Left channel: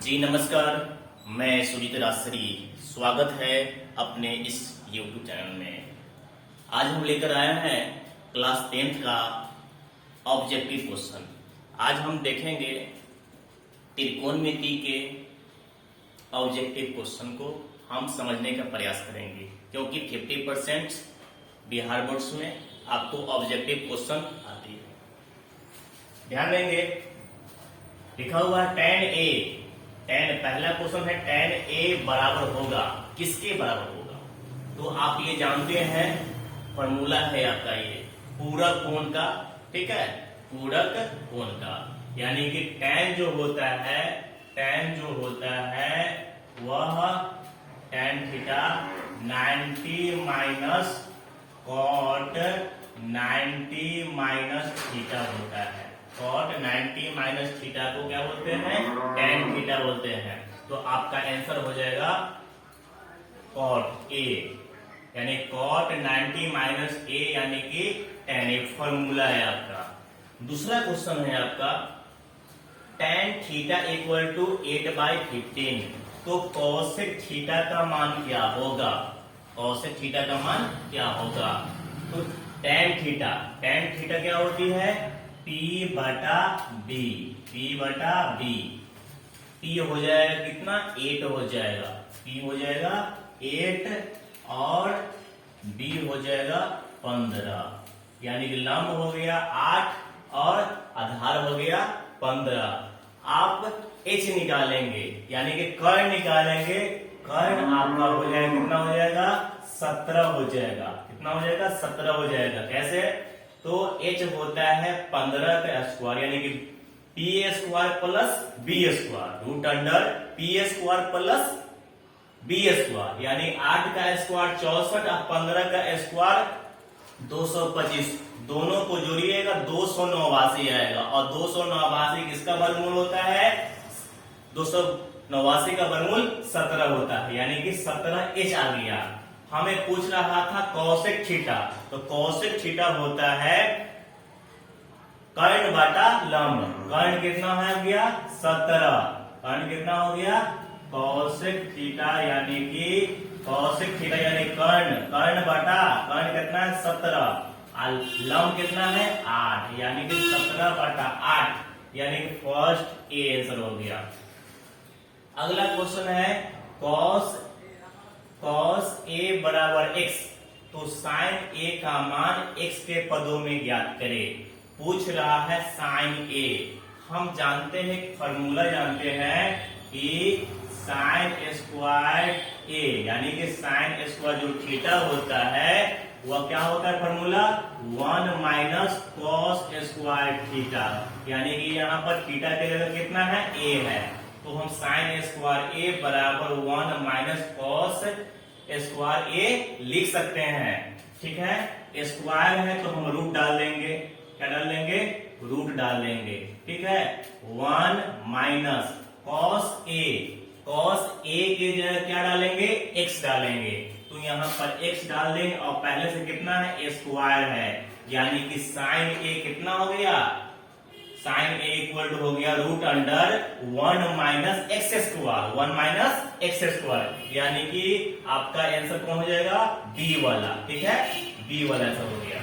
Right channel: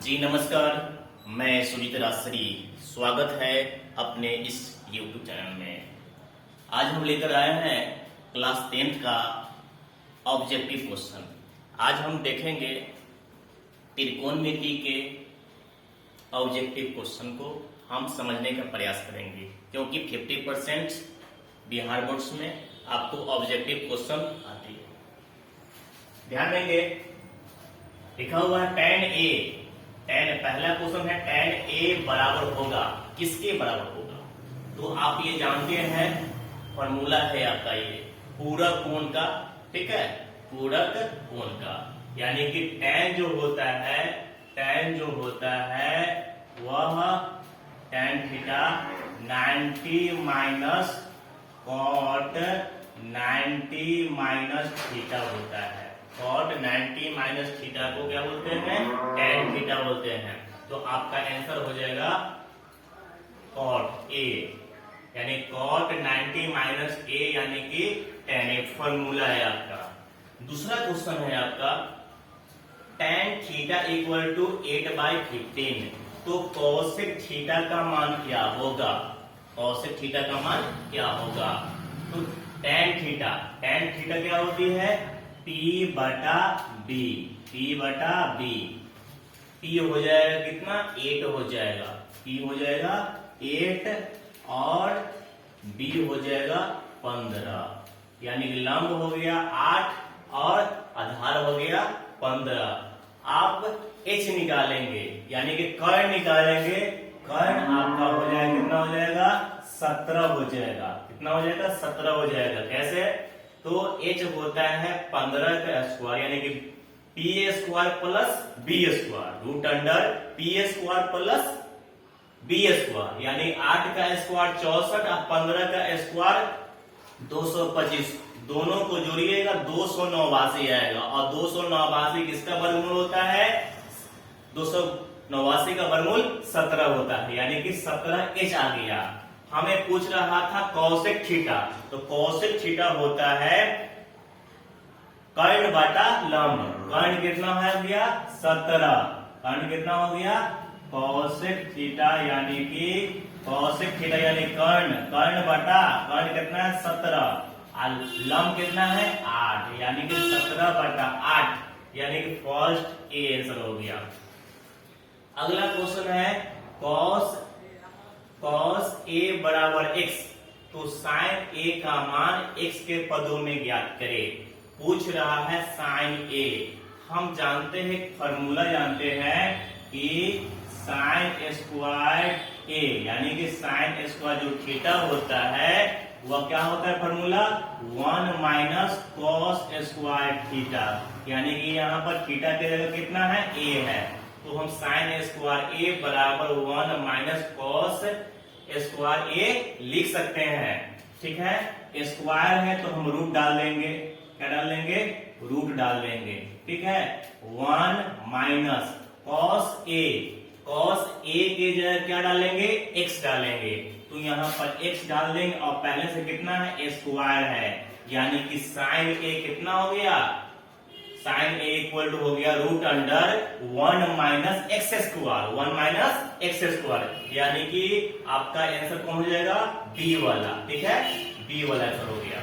जी नमस्कार, मैं सुजीत राजश्री। स्वागत है अपने इस YouTube चैनल में। आज हम लेकर आए हैं क्लास 10th का ऑब्जेक्टिव क्वेश्चन। आज हम देखेंगे त्रिकोणमिति के ऑब्जेक्टिव क्वेश्चन को हम समझने का प्रयास करेंगे, क्योंकि 50% बिहार बोर्ड्स में आपको ऑब्जेक्टिव क्वेश्चन आती है। ध्यान देंगे, लिखा हुआ है tan A। tan पहला क्वेश्चन है tan A बराबर होगा, किसके बराबर होगा? तो आप ये जानते हैं, फॉर्मूला है आपका ये पूरक कोण का, ठीक है, पूरक कोण का। यानी कि tan जो होता है वह tan theta 90 minus cot 90 minus theta होता है। कॉट 90 माइनस थीटा को क्या बोलते हैं? tan थीटा बोलते हैं। तो आपका आंसर हो जाएगा कॉट ए, यानी कॉट 90 माइनस ए यानी कि tan। एक फॉर्मूला है आपका। दूसरा क्वेश्चन है आपका tan थीटा इक्वल टू 8/15। तो कॉसेक थीटा का मान क्या होगा? कॉसेक थीटा का मान क्या होगा? तो tan थीटा क्या होती है? P बटा बी। P हो जाएगा कितना? 8 हो जाएगा। P हो जाएगा 8 और B हो जाएगा 15। यानी कि लंब हो गया 8 और आधार हो गया 15। आप H निकालेंगे, यानी कि कर्ण निकालेंगे। कर्ण आपका हो जाएगा कितना? हो जाएगा 17 हो जाएगा। कितना हो जाएगा? 17 हो जाएगा। कैसे? तो H होता है 15 का स्क्वायर, यानी कि PA square plus B square, root under PA square plus B square. यानी 8 का स्क्वायर 64 और 15 का स्क्वायर 225। दोनों को जोड़िएगा 289 आएगा। और 289 किसका वर्गमूल होता है? 289 का वर्गमूल 17 होता है, यानी कि 17H आ गया। हमें पूछ रहा था कॉसेक थीटा। तो कॉसेक थीटा होता है कर्ण बटा लंब। कर्ण कितना है हो गया? 17। कर्ण कितना हो गया? कॉसेक थीटा यानी कि कर्ण बटा कर्ण कितना है? 17। लंब कितना है? 8, यानी कि 17 बटा 8, यानी कि फर्स्ट ए आंसर हो गया। अगला क्वेश्चन है cos A बराबर x। तो sin A का मान x के पदों में ज्ञात करें। पूछ रहा है sin A। हम जानते हैं, फॉर्मूला जानते हैं कि sin स्क्वायर A, यानी कि sin स्क्वायर जो थीटा होता है वह क्या होता है? Formula 1 minus cos square theta. यानी कि यहाँ पर थीटा के जगह कितना है? A है। तो हम sin स्क्वायर A बराबर 1 माइनस cos स्क्वायर A लिख सकते हैं। ठीक है, स्क्वायर है तो हम रूट डाल देंगे। क्या डाल देंगे? रूट डाल देंगे। ठीक है, 1 माइनस cos A के जगह क्या डालेंगे? x डालेंगे। तो यहाँ पर x डाल देंगे और पहले से कितना है? स्क्वायर है, यानी कि sin A कितना हो गया? sin A इक्वल टू हो गया root under 1 minus x square. 1 minus x square, यानी कि आपका आंसर कौन हो जाएगा? बी वाला। ठीक है, बी वाला आंसर हो गया।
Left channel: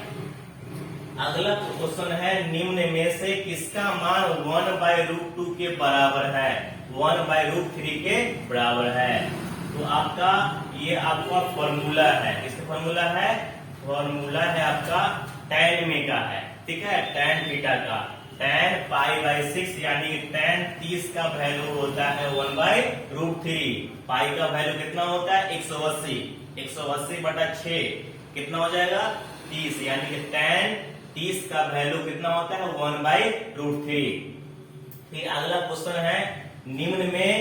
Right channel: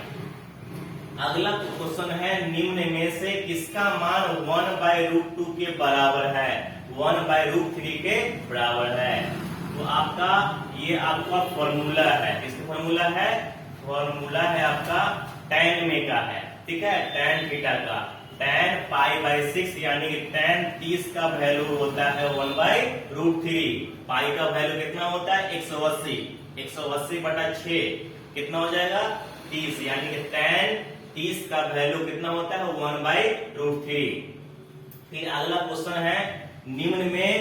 अगला क्वेश्चन है निम्न में से किसका मान 1/√2 के बराबर है? 1/√3 के बराबर है। तो आपका ये आपका फॉर्मूला है। इसका फॉर्मूला है आपका tan में का है। ठीक है, tan थीटा का tan π/6, यानी कि tan 30 का वैल्यू होता है 1/√3। पाई का वैल्यू कितना होता है? 180। 180 बटा 6 कितना हो जाएगा? 30, यानी कि tan 30 का वैल्यू कितना होता है? 1/√3। फिर अगला क्वेश्चन है निम्न में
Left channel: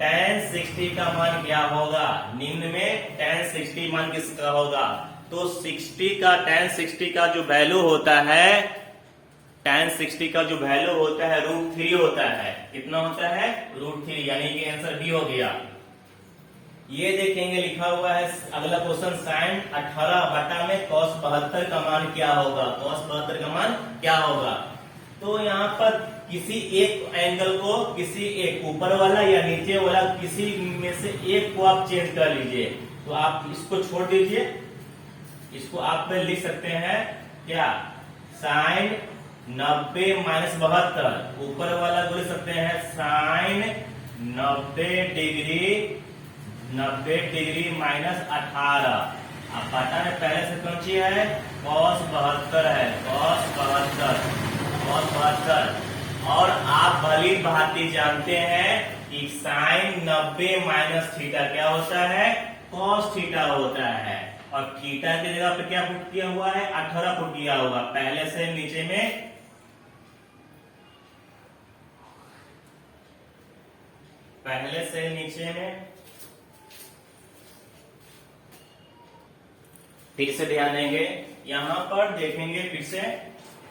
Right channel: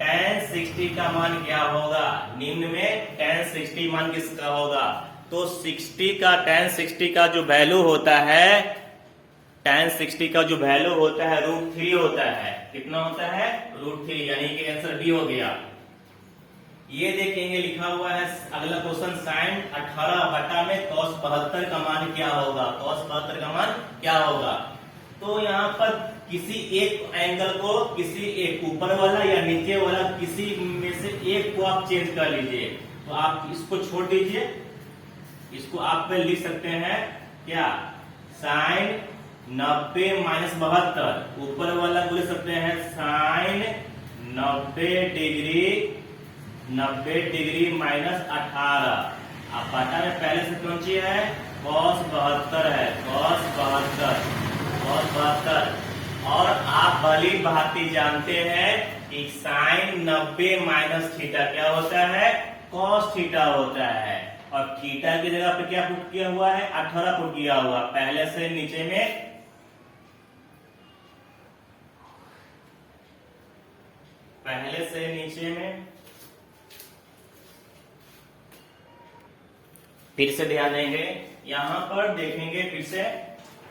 tan 60 का मान क्या होगा? निम्न में tan 60 मान किसका होगा? तो tan 60 का जो वैल्यू होता है, tan 60 का जो वैल्यू होता है √3 होता है। कितना होता है? √3, यानी कि आंसर बी हो गया। ये देखेंगे, लिखा हुआ है अगला क्वेश्चन sin 18 बटा में cos 72 का मान क्या होगा? cos 72 का मान क्या होगा? तो यहाँ पर किसी एक एंगल को, किसी एक ऊपर वाला या नीचे वाला, किसी में से एक को आप चेंज कर लीजिए। तो आप इसको छोड़ दीजिए, इसको आप लिख सकते हैं क्या, साइन 90 माइनस 72, ऊपर वाला को लिख सकते हैं साइन 90 डिग्री माइनस 18। आप पता है पहले से कौन सी है, cos 72 है, cos 72। और आप भली भांति जानते हैं कि साइन 90 माइनस थीटा क्या होता है, cos थीटा होता है। और थीटा की जगह पे क्या पुट किया हुआ है, 18 पुट किया हुआ पहले से नीचे में। पहले से नीचे में फिर से ध्यान देंगे, यहां पर देखेंगे फिर से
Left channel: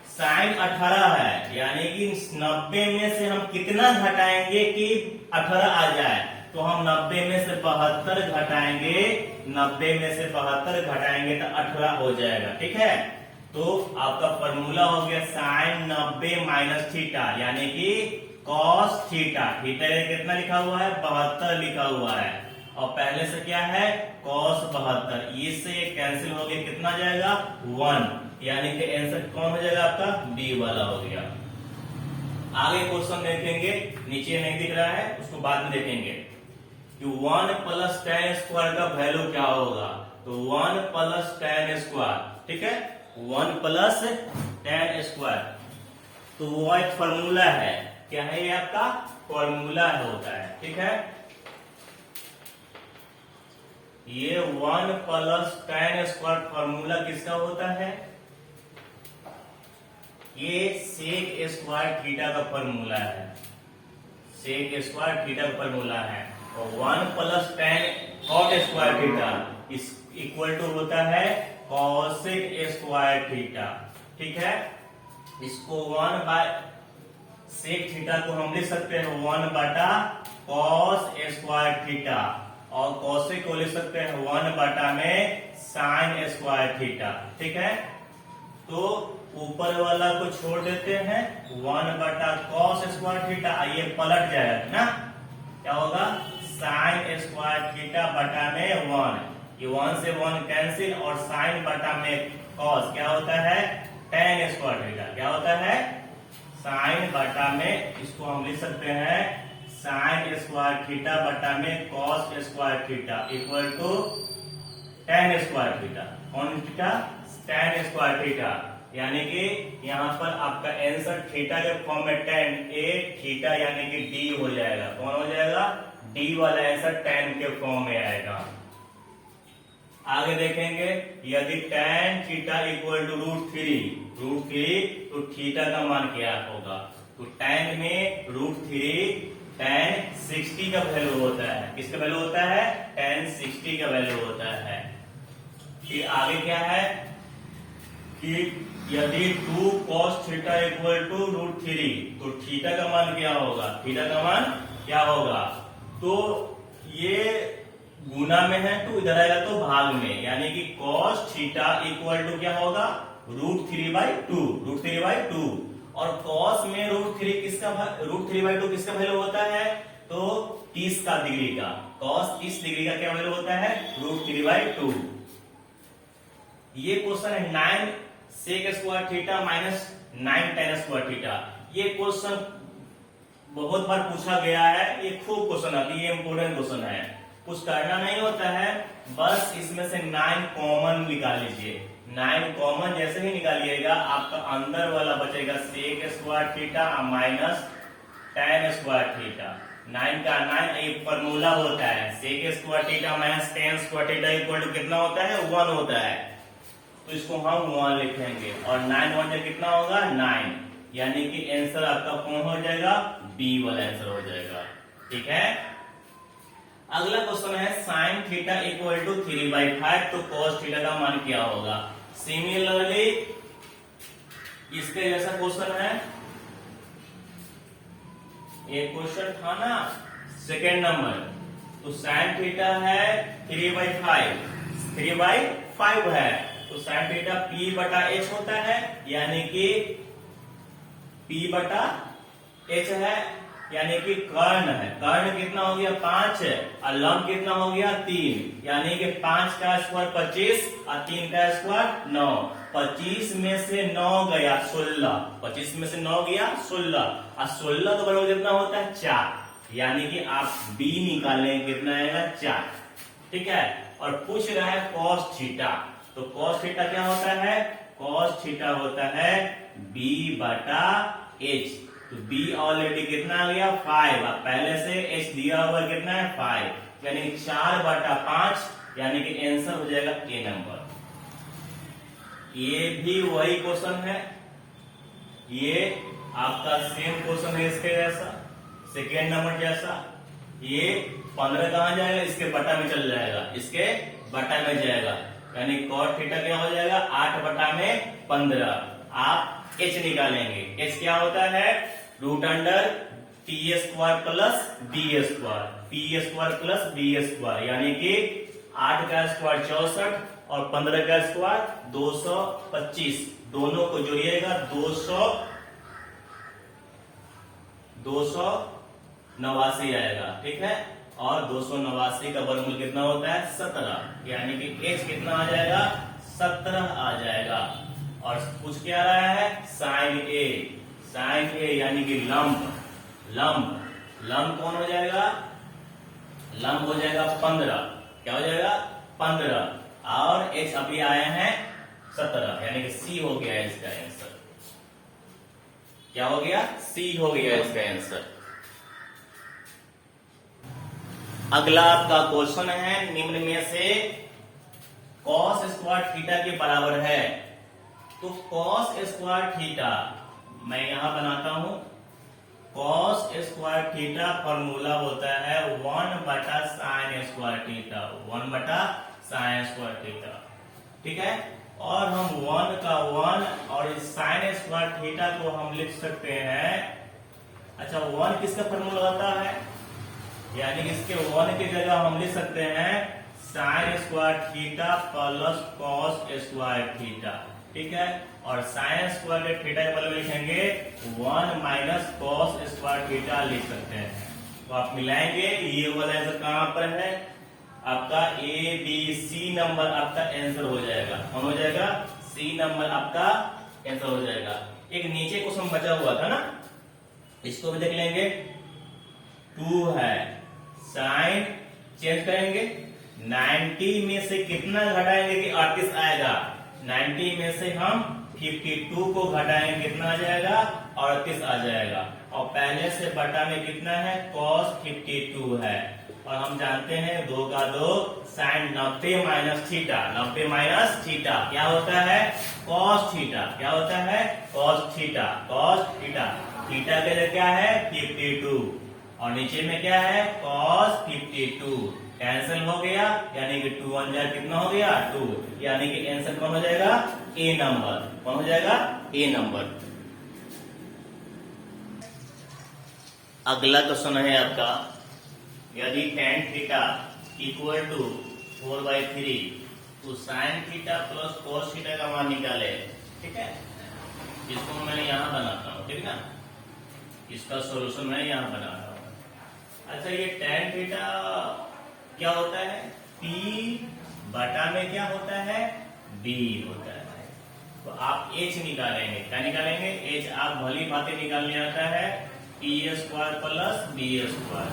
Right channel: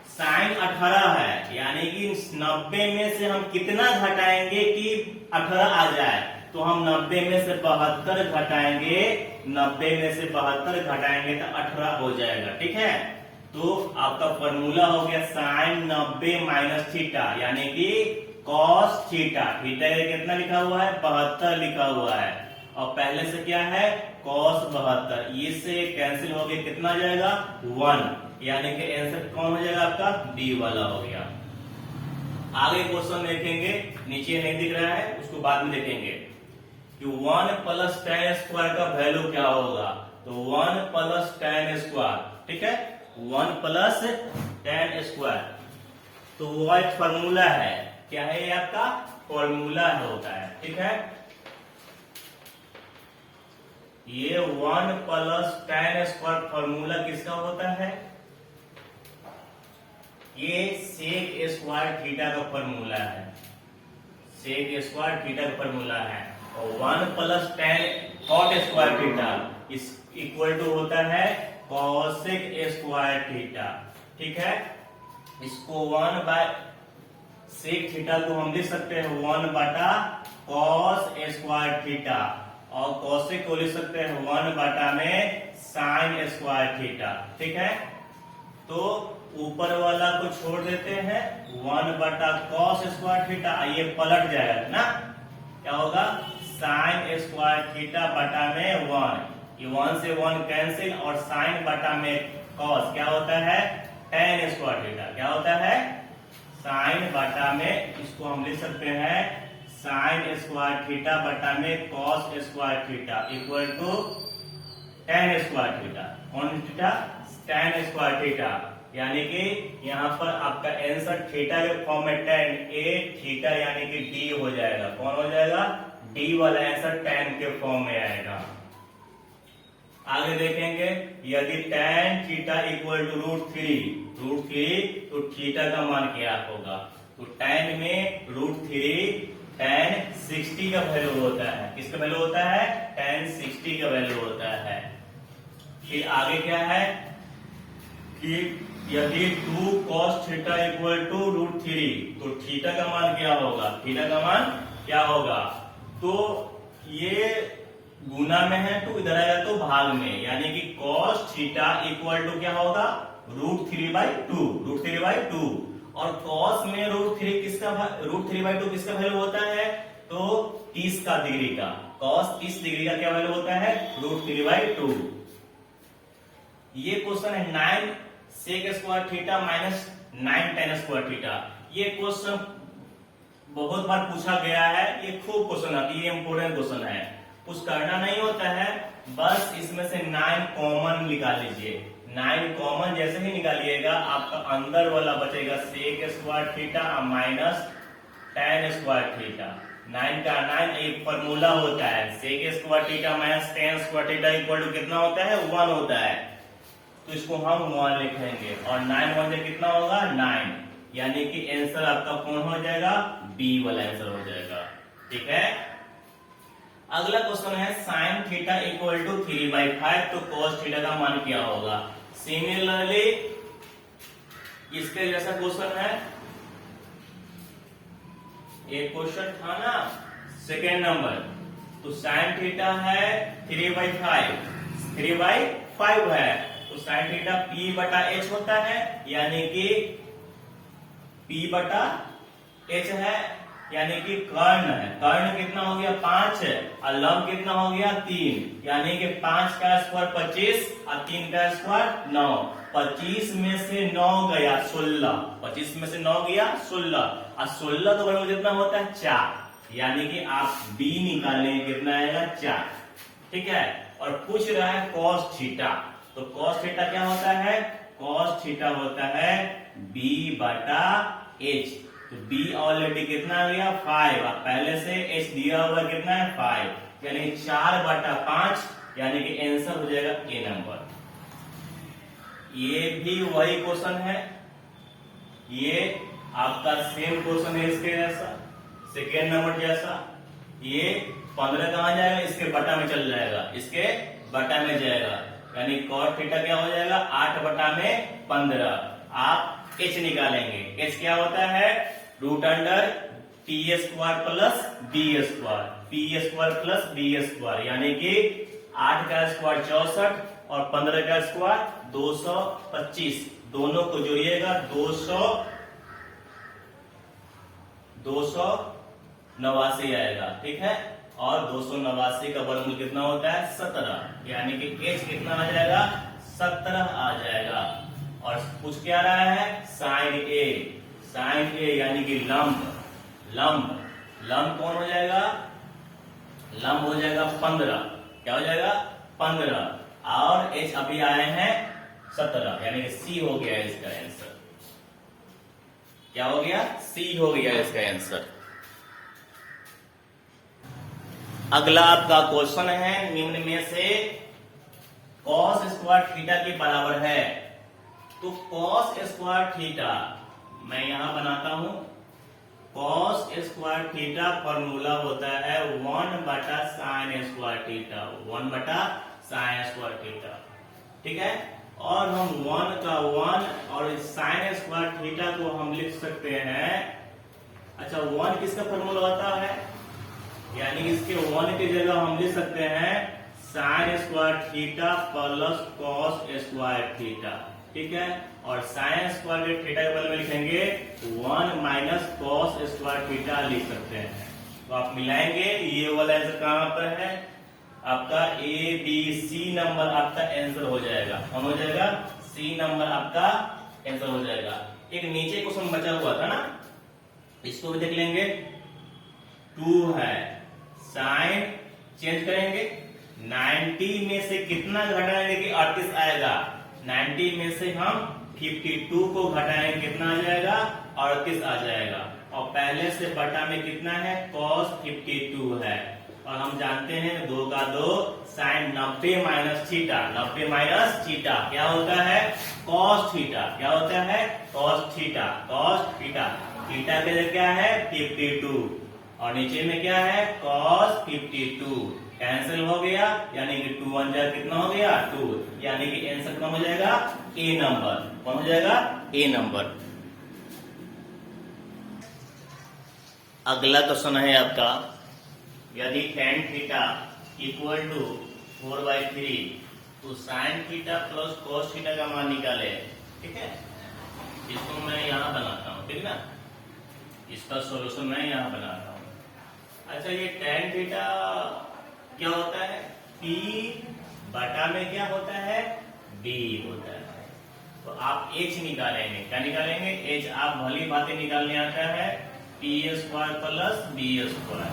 साइन 18 है, यानी कि 90 में से हम कितना घटाएंगे कि 18 आ जाए। तो हम 90 में से 72 घटाएंगे, 90 में से 72 घटाएंगे तो 18 हो जाएगा। ठीक है, तो आपका फॉर्मूला हो गया साइन 90 माइनस थीटा, यानी कि कॉस थीटा। थीटा कितना लिखा हुआ है, 72 लिखा हुआ है, और पहले से क्या है, कॉस 72। इससे कैंसिल हो गया, कितना जाएगा 1, यानी कि आंसर कौन हो जाएगा आपका, डी वाला हो गया। आगे क्वेश्चन देखेंगे, नीचे नहीं दिख रहा है, उसको बाद में देखेंगे कि 1 प्लस tan स्क्वायर का वैल्यू क्या होगा। तो 1 प्लस tan स्क्वायर, ठीक है, 1 प्लस tan स्क्वायर, तो वो एक फॉर्मूला है। क्या है ये आपका फॉर्मूला होता है। ठीक है, ये 1 प्लस tan स्क्वायर फॉर्मूला किसका होता है, ये सेक स्क्वायर थीटा का फॉर्मूला है, सेक स्क्वायर थीटा का फॉर्मूला है। और 1 plus tan cot square theta इस इक्वल टू होता है cosec स्क्वायर थीटा। ठीक है, इसको 1 बाय सेक थीटा को हम लिख सकते हैं 1 बटा cos स्क्वायर थीटा, और cosec को लिख सकते हैं 1 बटा में sin स्क्वायर थीटा। ठीक है, तो ऊपर वाला को छोड़ देते हैं, 1 बटा cos स्क्वायर थीटा, ये पलट जाएगा ना, क्या होगा sin स्क्वायर थीटा बटा में 1, ये 1 से 1 कैंसिल, और sin बटा में cos क्या होता है, tan स्क्वायर थीटा, क्या होता है sin बटा में, इसको हम लिख सकते हैं sin स्क्वायर थीटा बटा में cos square theta equal to tan square theta. कौन थीटा, tan स्क्वायर थीटा, यानी कि यहाँ पर आपका आंसर थीटा के फॉर्म में tan a थीटा यानी कि d हो जाएगा। कौन हो जाएगा, d वाला आंसर tan के फॉर्म में आएगा। आगे देखेंगे, यदि tan थीटा इक्वल टू √3 तो थीटा का मान क्या होगा। तो tan में √3 tan 60 का वैल्यू होता है, किसका वैल्यू होता है, tan 60 का वैल्यू होता है। फिर आगे क्या है कि यदि 2 cos थीटा इक्वल टू √3 तो थीटा का मान क्या होगा, थीटा का मान क्या होगा। तो ये गुना में है, तो इधर आएगा तो भाग में, यानी कि cos थीटा इक्वल टू क्या होगा, √3/2, और cos में √3 किसका, √3/2 किसका वैल्यू होता है, तो 30 का डिग्री का, cos 30 डिग्री का क्या वैल्यू होता है, √3/2। ये क्वेश्चन है 9 sec square theta minus 9 tan square theta. ये क्वेश्चन बहुत बार पूछा गया है, ये खूब क्वेश्चन है, ये इंपोर्टेंट क्वेश्चन है, कुछ करना नहीं होता है, बस इसमें से 9 कॉमन निकाल लीजिए। 9 कॉमन जैसे ही निकालिएगा, आपका अंदर वाला बचेगा sec square theta minus tan square theta. 9 का 9 एक फॉर्मूला होता है, sec square theta minus tan square theta equal to कितना होता है, 1 होता है। तो इसको हम 1 लिखेंगे, और 9 1 से कितना होगा 9, यानी कि आंसर आपका कौन हो जाएगा, बी वाला आंसर हो जाएगा। ठीक है, अगला क्वेश्चन है साइन थीटा इक्वल टू 3/5 तो cos थीटा का मान क्या होगा। सिमिलरली इसके जैसा क्वेश्चन है, एक क्वेश्चन था ना सेकेंड नंबर, तो साइन थीटा है 3/5 है, तो साइन थीटा p/h होता है, यानी कि p/2 एच है यानी कि कर्ण है, कर्ण कितना हो गया 5 है, और लंब कितना हो गया 3, यानी कि 5 का स्क्वायर 25 और 3 का स्क्वायर 9। 25 में से 9 गया 16, 25 में से 9 गया 16, और 16 तो बराबर कितना होता है 4, यानी कि आप बी निकालें कितना आएगा 4। ठीक है, और पूछ रहा है कॉस थीटा, तो कॉस थीटा क्या होता है, कॉस थीटा होता है बी बटा एच। तो बी ऑलरेडी कितना आ गया 5, पहले से एच दिया हुआ कितना है 5, यानी 4 बटा 5, यानी कि आंसर हो जाएगा ए नंबर। ये भी वही क्वेश्चन है, ये आपका सेम क्वेश्चन है इसके जैसा, सेकेंड नंबर जैसा। ये 15 कहां जाएगा, इसके बटा में चल जाएगा, इसके बटा में जाएगा, यानी कॉट थीटा क्या हो जाएगा 8 बटा में 15। आप एच निकालेंगे, एच क्या होता है root under T square plus B square, P square plus B square, यानी कि 8 का स्क्वायर 64 और 15 का स्क्वायर 225, दोनों को जोड़िएगा 289 आएगा। ठीक है, और 289 का वर्गमूल कितना होता है 17, यानी कि एच कितना आ जाएगा 17 आ जाएगा। और पूछ क्या रहा है साइन ए, साइन ए यानी कि लंब, लंब लंब कौन हो जाएगा, लंब हो जाएगा 15, क्या हो जाएगा 15, और एच अभी आए हैं 17, यानी कि सी हो गया इसका आंसर। क्या हो गया, सी हो गया इसका आंसर। अगला आपका क्वेश्चन है निम्न में से कॉस स्क्वायर थीटा के बराबर है, तो कॉस स्क्वायर थीटा मैं यहां बनाता हूं, कॉस स्क्वायर थीटा फॉर्मूला होता है 1 बटा साइन स्क्वायर थीटा, 1 बटा साइन स्क्वायर थीटा। ठीक है, और हम 1 का 1 और इस साइन स्क्वायर थीटा को हम लिख सकते हैं, अच्छा 1 किसका फॉर्मूला होता है, यानी इसके 1 की जगह हम लिख सकते हैं sine square theta plus cos square theta. ठीक है, और साइन स्क्वायर के थीटा के बदले में लिखेंगे 1 माइनस कॉस स्क्वायर थीटा लिख सकते हैं। तो आप मिलाएंगे, ये वाला आंसर कहां पर है आपका ए बी सी नंबर आपका आंसर हो जाएगा, कौन हो जाएगा सी नंबर आपका आंसर हो जाएगा। एक नीचे क्वेश्चन बचा हुआ था ना, इसको भी देख लेंगे, 2 है, साइन चेंज करेंगे, 90 में से कितना घटाएंगे कि 38 आएगा, 90 में से हम 52 को घटाएंगे कितना आ जाएगा 38 आ जाएगा, और पहले से बटा में कितना है cos 52 है, और हम जानते हैं 2 का 2 sine 90 minus theta, 90 minus theta क्या होता है cos थीटा, क्या होता है cos theta, cos theta, theta के लिए क्या है 52, और नीचे में क्या है cos 52, कैंसिल हो गया, यानी कि 2 1 कितना हो गया 2, यानी कि आंसर कौन हो जाएगा ए नंबर, कौन हो जाएगा ए नंबर। अगला क्वेश्चन है आपका, यदि tan थीटा इक्वल टू 4/3 तो sine theta plus cos theta का मान निकाले। ठीक है, इसको मैं यहाँ बनाता हूँ, ठीक ना, इसका सॉल्यूशन मैं यहाँ बना रहा हूँ। अच्छा, ये tan थीटा क्या होता है P बटा में क्या होता है B होता है, तो आप H निकालेंगे, क्या निकालेंगे H, आप भली बातें निकालने आता है P square plus B square,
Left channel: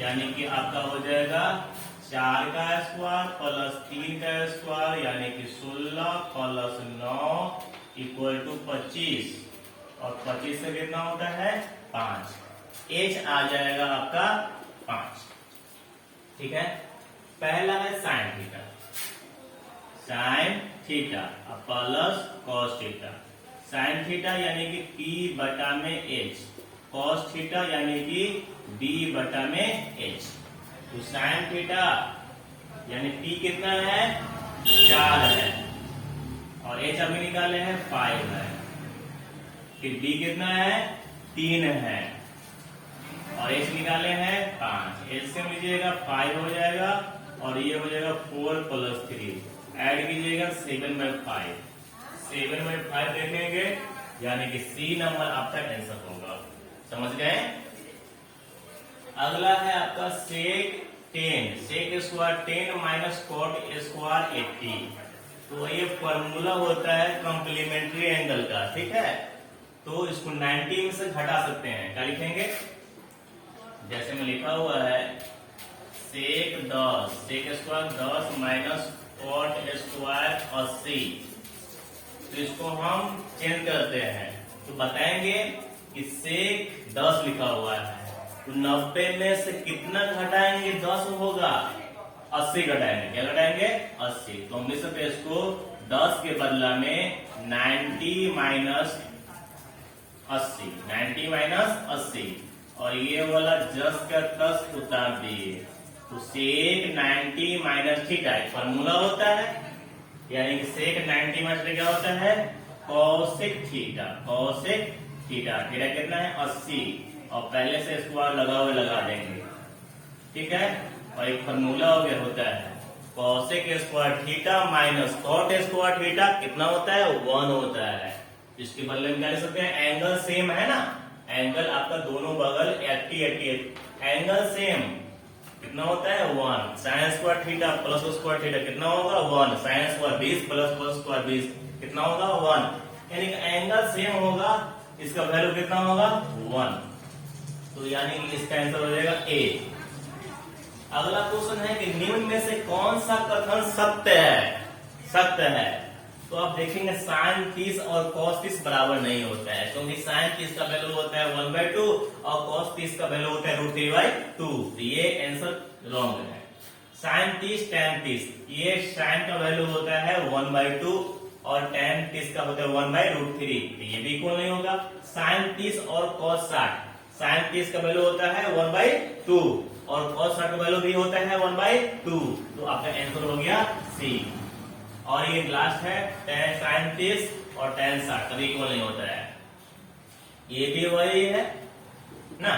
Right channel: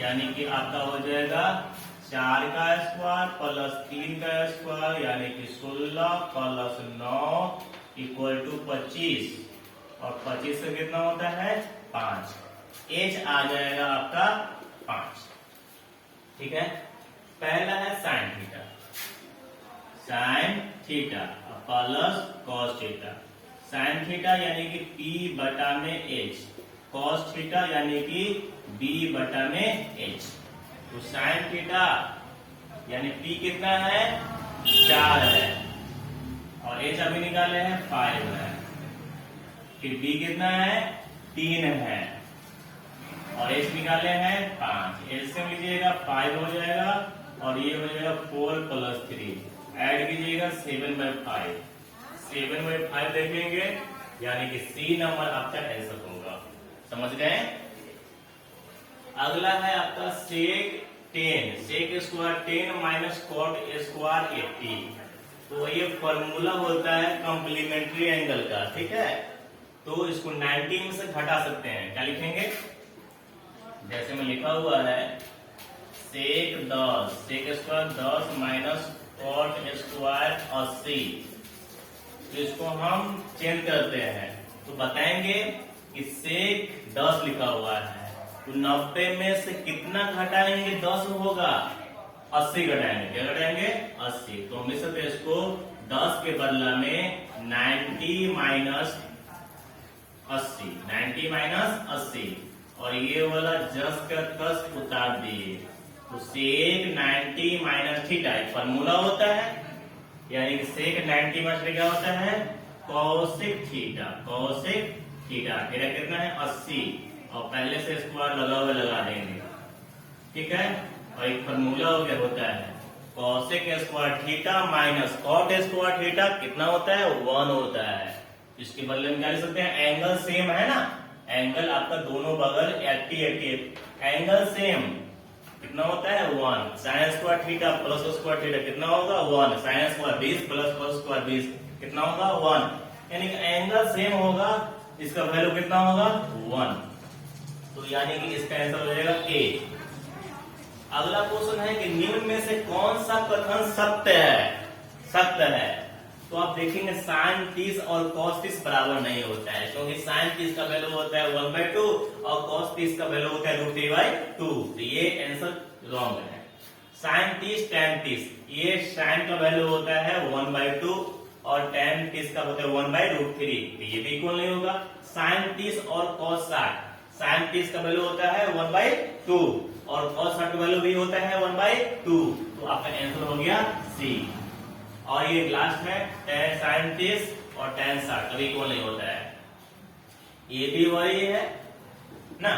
यानी कि आपका हो जाएगा 4 का स्क्वायर प्लस 3 का स्क्वायर, यानी कि 16 प्लस 9 इक्वल टू 25, और 25 से कितना होता है 5, H आ जाएगा आपका 5। ठीक है, पहला है sine theta, sine theta plus cos theta, sine theta यानी कि P बटा में H, कॉस थीटा यानी कि B बटा में H। तो साइन थीटा यानी P कितना है 4 है, और H अभी निकाले हैं 5 है, फिर B कितना है 3 है, और H निकाले हैं 5, एलसीएम लीजिएगा 5 हो जाएगा, और ये हो जाएगा 4 प्लस 3, ऐड कीजिएगा 7/5, 7/5 देखेंगे, यानी कि सी नंबर आपका आंसर होगा, समझ गए। अगला है आपका sec 10, sec square 10 minus cot square 80। तो ये फॉर्मूला होता है कॉम्प्लीमेंट्री एंगल का, ठीक है। तो इसको 90 में से घटा सकते हैं, क्या लिखेंगे, जैसे में लिखा हुआ है sec 10, sec square 10 minus cot square 80। तो इसको हम चेंज करते हैं, तो बताएंगे कि सेक 10 लिखा हुआ है, तो 90 में से कितना घटाएंगे, 10 होगा, 80 घटाएंगे, क्या घटाएंगे, 80। तो हम लिख सकते हैं इसको 10 के बदला में 90 माइनस 80, 90 माइनस 80, और ये वाला 10 का 10 उतार दिए, तो सेक 90 माइनस थीटा फॉर्मूला होता है, यानी कि सेक 90 माइनस क्या होता है, cosec theta, cosec theta. Theta कितना है, 80, और पहले से स्क्वायर लगा हुआ लगा देंगे, ठीक है। और एक फॉर्मूला हो गया होता है cosec square theta minus cot square theta, कितना होता है, 1 होता है। इसके बदले में क्या लिख सकते हैं, एंगल सेम है ना, एंगल आपका दोनों बगल 80 80, एंगल सेम कितना होता है, 1। Sine square theta plus square theta कितना होगा, 1। Sine square 20 plus cos square 20 कितना होगा, 1। यानी कि एंगल सेम होगा, इसका वैल्यू कितना होगा, 1। तो यानी कि इसका आंसर हो जाएगा ए। अगला क्वेश्चन है कि निम्न में से कौन सा कथन सत्य है, सत्य है। तो आप देखेंगे साइन 30 और कॉस 30 बराबर नहीं होता है, क्योंकि साइन 30 का वैल्यू होता है 1/2 और कॉस 30 का वैल्यू होता है √3/2। तो ये आंसर रॉन्ग है। साइन 30 tan 30, ये साइन का वैल्यू होता है 1/2 और tan 30 का होता है 1/√3, ये भी इक्वल नहीं होगा। साइन 30 और कॉस 60, साइन 30 का वैल्यू होता है 1/2 और कॉस 60 का वैल्यू भी होता है 1/2। तो आपका आंसर हो गया सी। और ये लास्ट है tan साइन 30 और tan 60 कभी इक्वल नहीं होता है, ये भी वही है ना।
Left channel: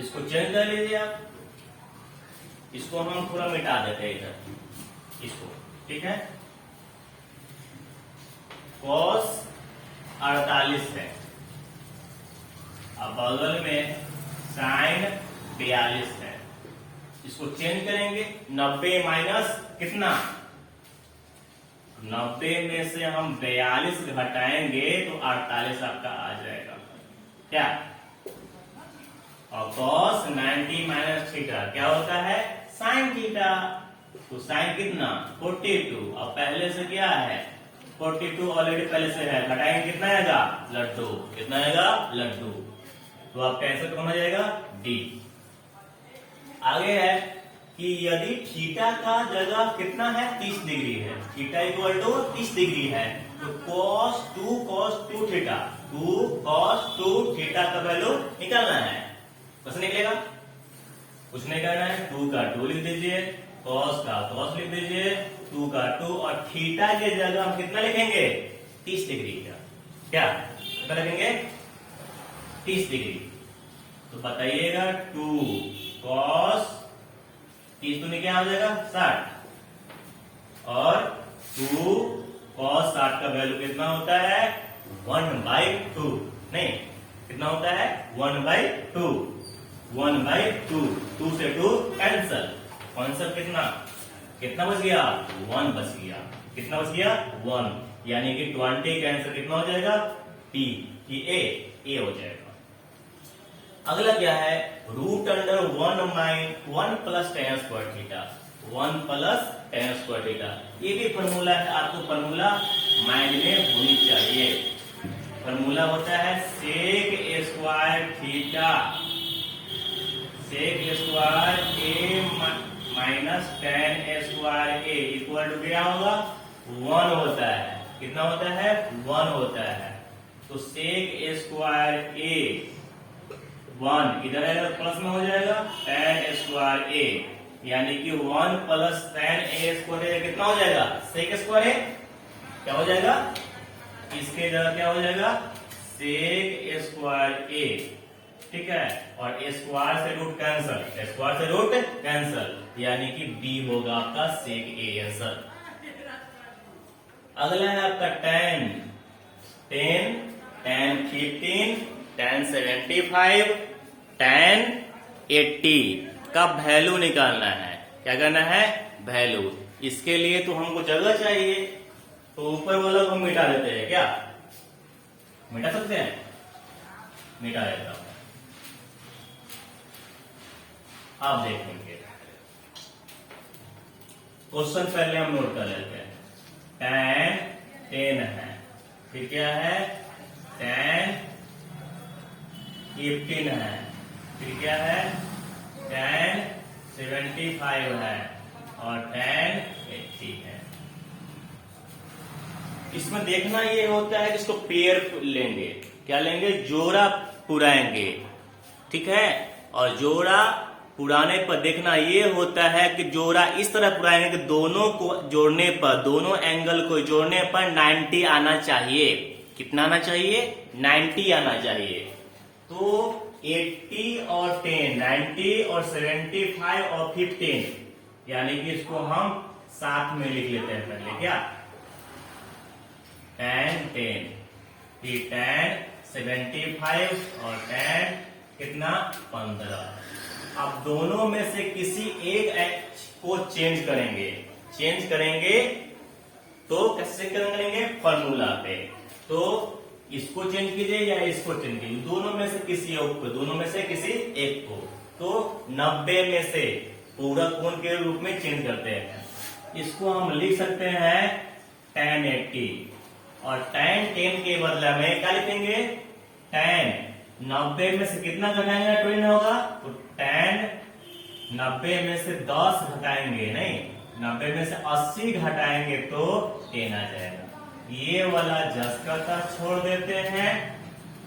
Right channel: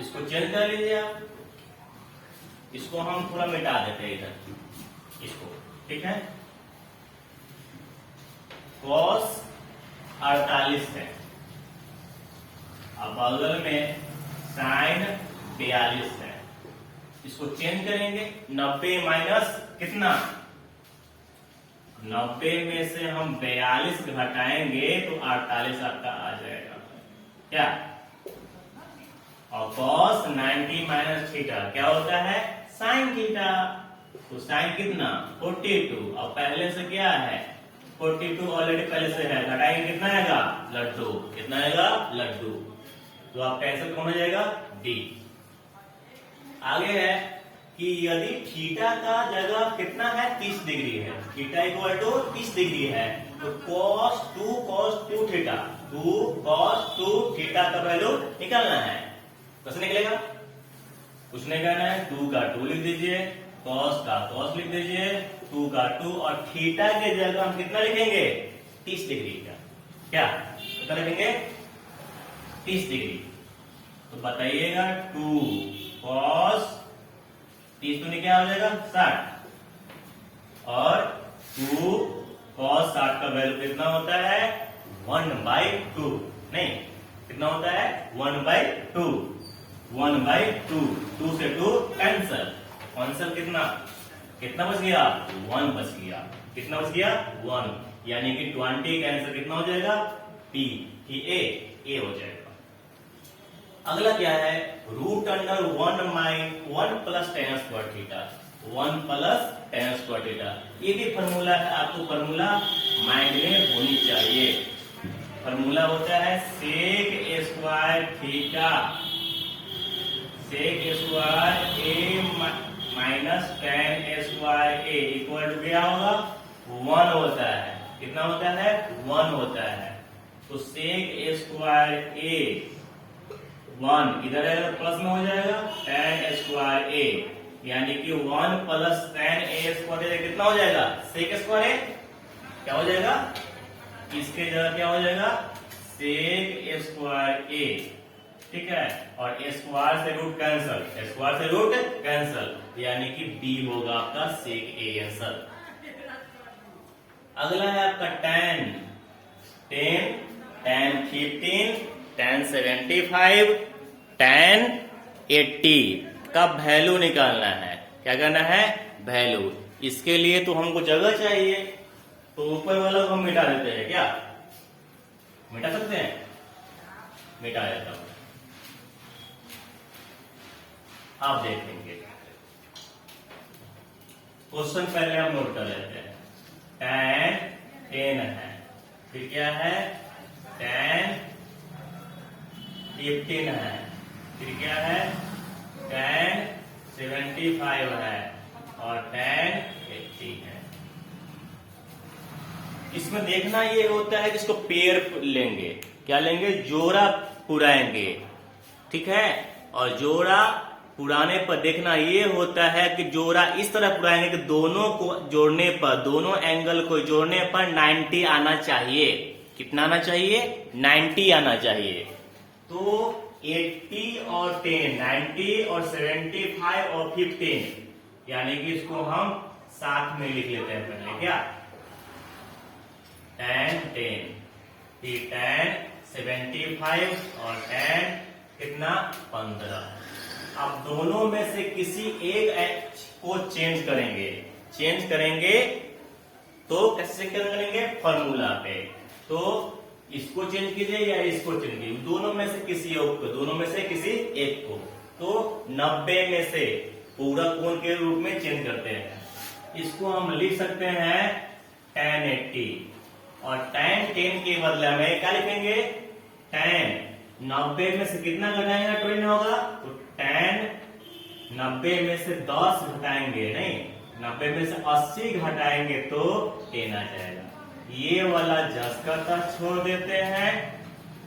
इसको चेंज कर लीजिए आप, इसको हम थोड़ा मिटा देते हैं इधर इसको, ठीक है। cos 48 है, अब बगल में साइन 42 है, इसको चेंज करेंगे। 90 माइनस कितना, 90 में से हम 42 घटाएंगे तो 48 आपका आ जाएगा, क्या। और cos 90 माइनस थीटा क्या होता है, साइन थीटा। तो साइन कितना, 42, और पहले से क्या है, 42 ऑलरेडी पहले से है, घटाएंगे कितना आएगा, लड्डू, कितना आएगा, लड्डू। तो आपका आंसर कौन हो जाएगा, डी। आगे है कि यदि थीटा का जगह कितना है, 30 डिग्री है, थीटा इक्वल टू 30 डिग्री है, तो cos 2 थीटा, 2 cos 2 थीटा का वैल्यू निकालना है। कैसे निकलेगा, कुछ नहीं करना है, 2 का 2 लिख दीजिए, cos का cos लिख दीजिए, 2 का 2, और थीटा के जगह हम कितना लिखेंगे, 30 डिग्री का, क्या कितना लिखेंगे, 30 डिग्री। तो बताइएगा 2 cos 30 तो क्या हो जाएगा, 60, और 2 cos 60 का वैल्यू कितना होता है, 1/2, नहीं कितना होता है, 1/2, 1/2, 2 से 2 कैंसल, आंसर कितना, कितना बच गया, 1 बच गया, कितना बच गया, 1। यानी कि 20 का आंसर कितना हो जाएगा, बी कि ए हो जाएगा। अगला क्या है, √1 plus tan square theta, 1 plus tan square theta, ये भी फॉर्मूला है, आपको फॉर्मूला माइंड में होनी चाहिए। फॉर्मूला होता है sec A square theta, sec square A minus tan square A equal to क्या होगा, 1 होता है, कितना होता है, 1 होता है। तो सेक ए स्क्वायर ए 1 इधर है प्लस में हो जाएगा, tan स्क्वायर ए, यानी कि 1 प्लस tan ए स्क्वायर ए कितना हो जाएगा, सेक स्क्वायर ए, क्या हो जाएगा, इसके जगह क्या हो जाएगा, सेक स्क्वायर ए, ठीक है। और स्क्वायर से रूट कैंसल, स्क्वायर से रूट कैंसल, यानी कि बी होगा आपका सेक ए आंसर। अगला है आपका tan 15 tan 75 tan 80 का वैल्यू निकालना है। क्या करना है? वैल्यू। इसके लिए तो हमको जगह चाहिए, तो ऊपर वाला को हम मिटा देते हैं। क्या मिटा सकते हैं? मिटा देता हूं। आप देखेंगे क्वेश्चन पहले हम नोट कर लेते हैं। tan 10 है, फिर क्या है? tan 15 है, फिर क्या है? tan 75 है और tan 80 है। इसमें देखना ये होता है कि इसको पेयर लेंगे। क्या लेंगे? जोड़ा पुराएंगे। ठीक है। और जोड़ा पुराने पर देखना ये होता है कि जोड़ा इस तरह पुराएंगे कि दोनों को जोड़ने पर, दोनों एंगल को जोड़ने पर 90 आना चाहिए। कितना आना चाहिए? 90 आना चाहिए। तो 80 और 10, 90 और 75 और 15, यानी कि इसको हम साथ में लिख लेते हैं पहले। क्या? tan 10, फिर tan 75 और tan कितना? 15। अब दोनों में से किसी एक को चेंज करेंगे। चेंज करेंगे तो कैसे करेंगे? फॉर्मूला पे। तो इसको चेंज कीजिए या इसको चेंज कीजिए, दोनों में से किसी एक को, दोनों में से किसी एक को। तो 90 में से पूरा कोण के रूप में चेंज करते हैं। इसको हम लिख सकते हैं tan 80 और tan 10 के बदले में क्या लिखेंगे? tan 90 में से कितना घटाएंगे? 20 होगा। तो tan 90 में से 10 घटाएंगे, नहीं 90 में से 80 घटाएंगे तो 10 आ जाएगा। ये वाला जस का तस छोड़ देते हैं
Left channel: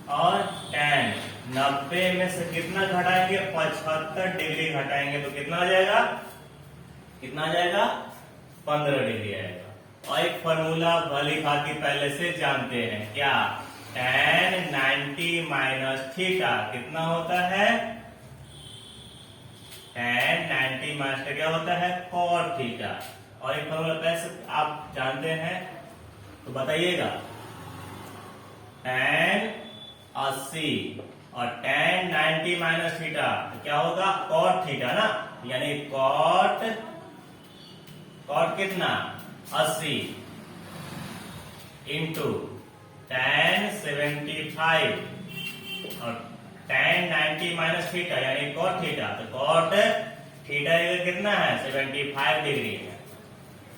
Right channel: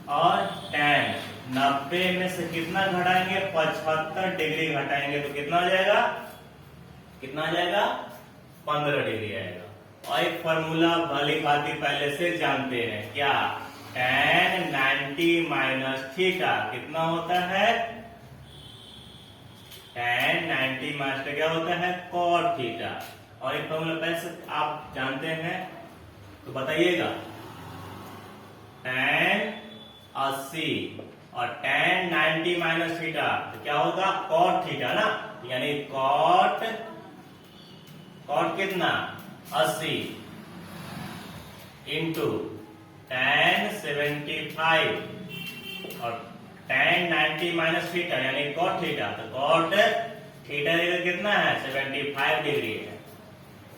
और tan 90 में से कितना घटाएंगे? 75 डिग्री घटाएंगे तो कितना आ जाएगा? कितना आ जाएगा? 15 डिग्री आएगा। और एक फॉर्मूला भली भांति पहले से जानते हैं। क्या? tan 90 माइनस थीटा कितना होता है? tan 90 माइनस क्या होता है? cot theta. और एक फॉर्मूला पहले से आप जानते हैं तो बताइएगा। tan 80 और tan 90 माइनस थीटा तो क्या होगा? cot थीटा ना, यानी cot कितना? 80 इंटू tan 75 और tan 90 माइनस थीटा यानी cot थीटा। तो cot थीटा कितना है? 75 डिग्री है।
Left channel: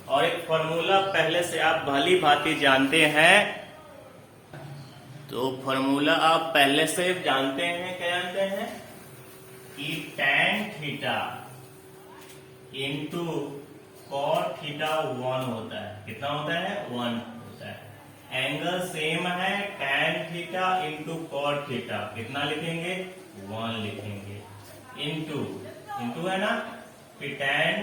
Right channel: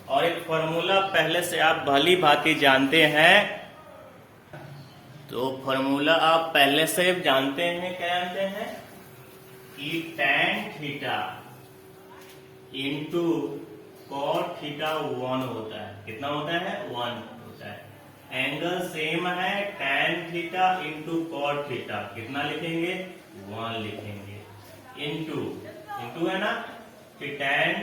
और एक फॉर्मूला पहले से आप भली भांति जानते हैं, तो फॉर्मूला आप पहले से जानते हैं। क्या जानते हैं? कि tan theta into cot theta 1 होता है। कितना होता है? 1 होता है। एंगल सेम है, tan theta into cot theta कितना लिखेंगे? 1 लिखेंगे। इंटू है ना, फिर tan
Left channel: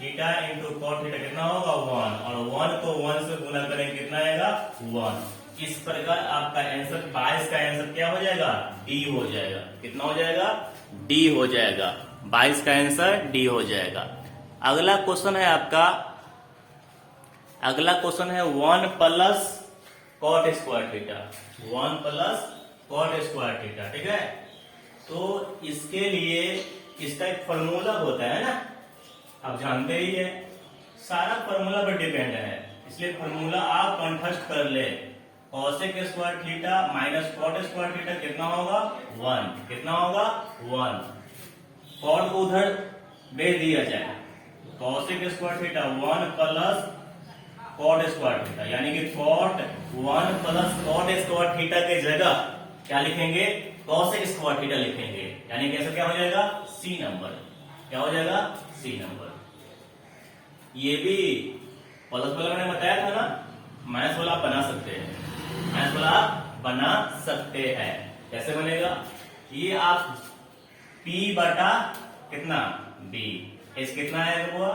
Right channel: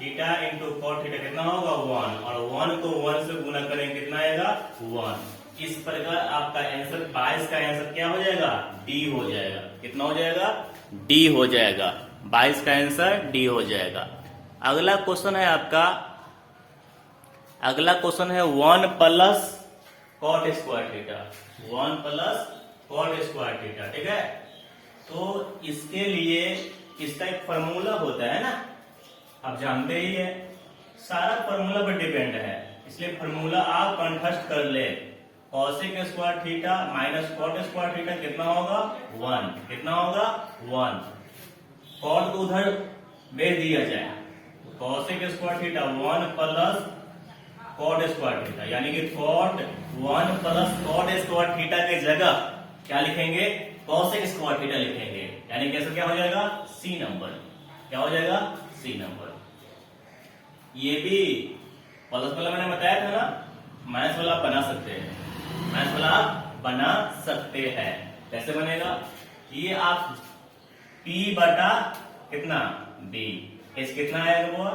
theta into cot theta कितना होगा? 1, और 1 को 1 से गुना करेंगे कितना आएगा? 1। इस प्रकार आपका आंसर 22 का आंसर क्या हो जाएगा? डी हो जाएगा। कितना हो जाएगा? डी हो जाएगा। 22 का आंसर डी हो जाएगा। अगला क्वेश्चन है आपका, अगला क्वेश्चन है 1 plus cot square theta. 1 plus cot square theta. ठीक है। तो इसके लिए इसका एक फॉर्मूला होता है ना, आप जानते ही है। सारा फॉर्मूला पर डिपेंड है, इसलिए फॉर्मूला आप कंठस्थ कर ले। cosec square theta minus cot square theta कितना होगा? 1। कितना होगा? 1। cot को उधर भेज दिया जाए। cosec square theta 1 plus cot square theta, यानी कि cot 1 plus cot square theta के जगह क्या लिखेंगे? cosec स्क्वायर थीटा लिखेंगे। यानी कि ऐसा क्या हो जाएगा? C number. क्या हो जाएगा? C number. ये भी प्लस वाला मैंने बताया था ना, माइनस वाला आप बना सकते हैं। माइनस वाला आप बना सकते हैं। कैसे बनेगा? ये आप P बटा कितना? B। H कितना आएगा? वो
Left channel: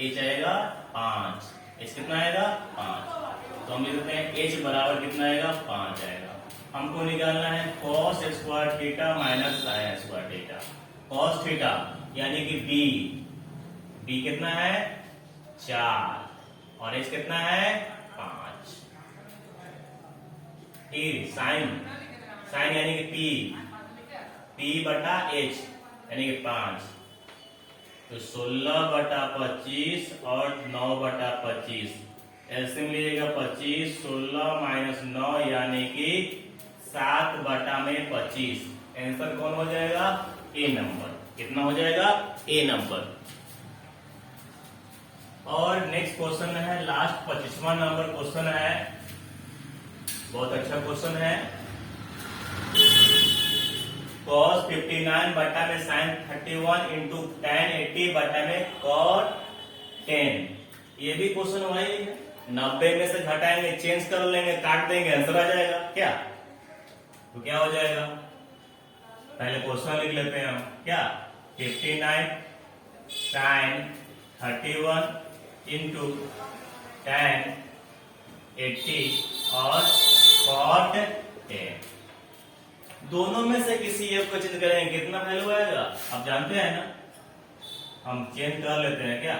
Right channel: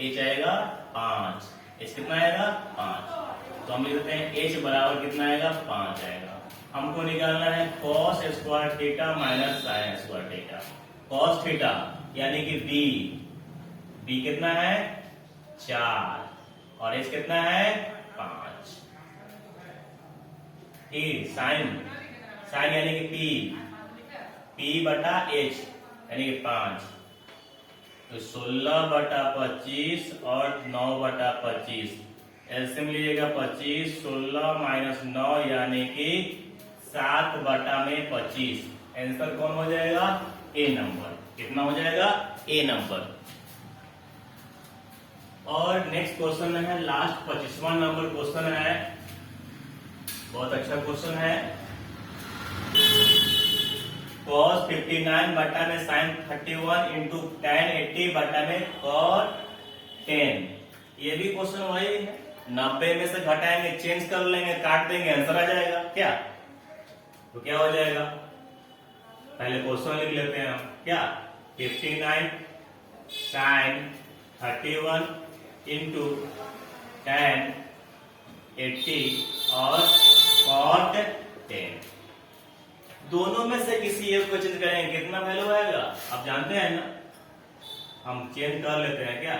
H आएगा 5। H कितना आएगा? 5। तो हम लिख देते हैं H बराबर कितना आएगा? 5 आएगा। हमको निकालना है cos square theta minus sin square theta. cos theta यानी कि B कितना है? 4 और H कितना है? 5। फिर साइन यानी कि पी बटा एच यानी कि 5, तो 16/25 और 9/25, एलसीएम लीजिएगा 25, 16 माइनस 9 यानी कि 7/25। आंसर कौन हो जाएगा? ए नंबर। कितना हो जाएगा? ए नंबर। और नेक्स्ट क्वेश्चन है, लास्ट 25वां नंबर क्वेश्चन है, बहुत अच्छा क्वेश्चन है। cos 59 बटा में sin 31 इंटू tan 80 बटा में cot 10। ये भी क्वेश्चन वही है, 90 में से घटाएंगे, चेंज कर लेंगे, काट देंगे, आंसर आ जाएगा क्या? तो क्या हो जाएगा? पहले क्वेश्चन लिख लेते हैं हम। क्या? 59 sin 31 इंटू tan 80 और cot 10। दोनों में से किसी एक को चेंज करेंगे, कितना वैल्यू आएगा आप जानते हैं ना? हम चेंज कर लेते हैं क्या?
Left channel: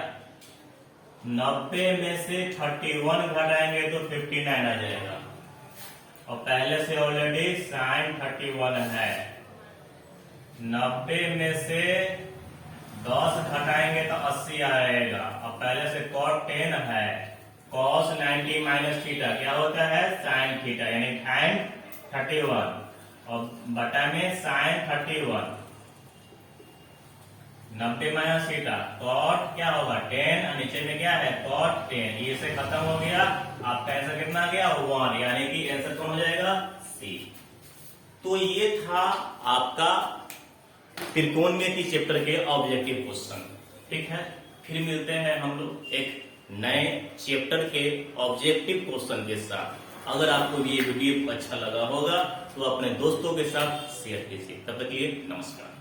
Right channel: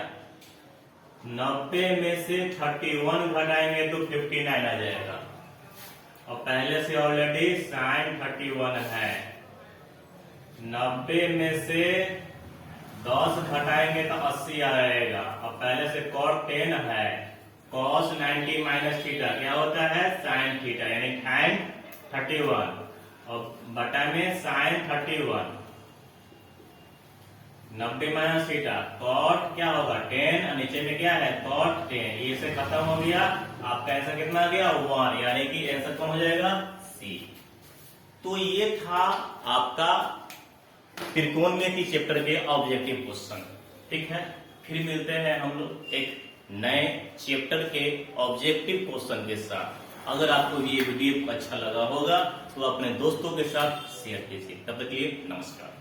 90 में से 31 घटाएंगे तो 59 आ जाएगा, और पहले से ऑलरेडी sin 31 है। 90 में से 10 घटाएंगे तो 80 आएगा, और पहले से cot 10 है। cos 90 माइनस थीटा क्या होता है? sin थीटा यानी sin 31, और बटा में sin 31, 90 माइनस थीटा, cot क्या होगा? 10, और नीचे में क्या है? cot 10। ये से खत्म हो गया, आपका आंसर कितना आ गया? 1, यानी कि आंसर कौन हो जाएगा? सी। तो ये था आपका त्रिकोणमिति चैप्टर के ऑब्जेक्टिव क्वेश्चन। ठीक है, फिर मिलते हैं हम लोग एक नए चैप्टर के ऑब्जेक्टिव क्वेश्चन के साथ। अगर आपको ये वीडियो अच्छा लगा होगा तो अपने दोस्तों के साथ शेयर कीजिए। तब तक के लिए नमस्कार।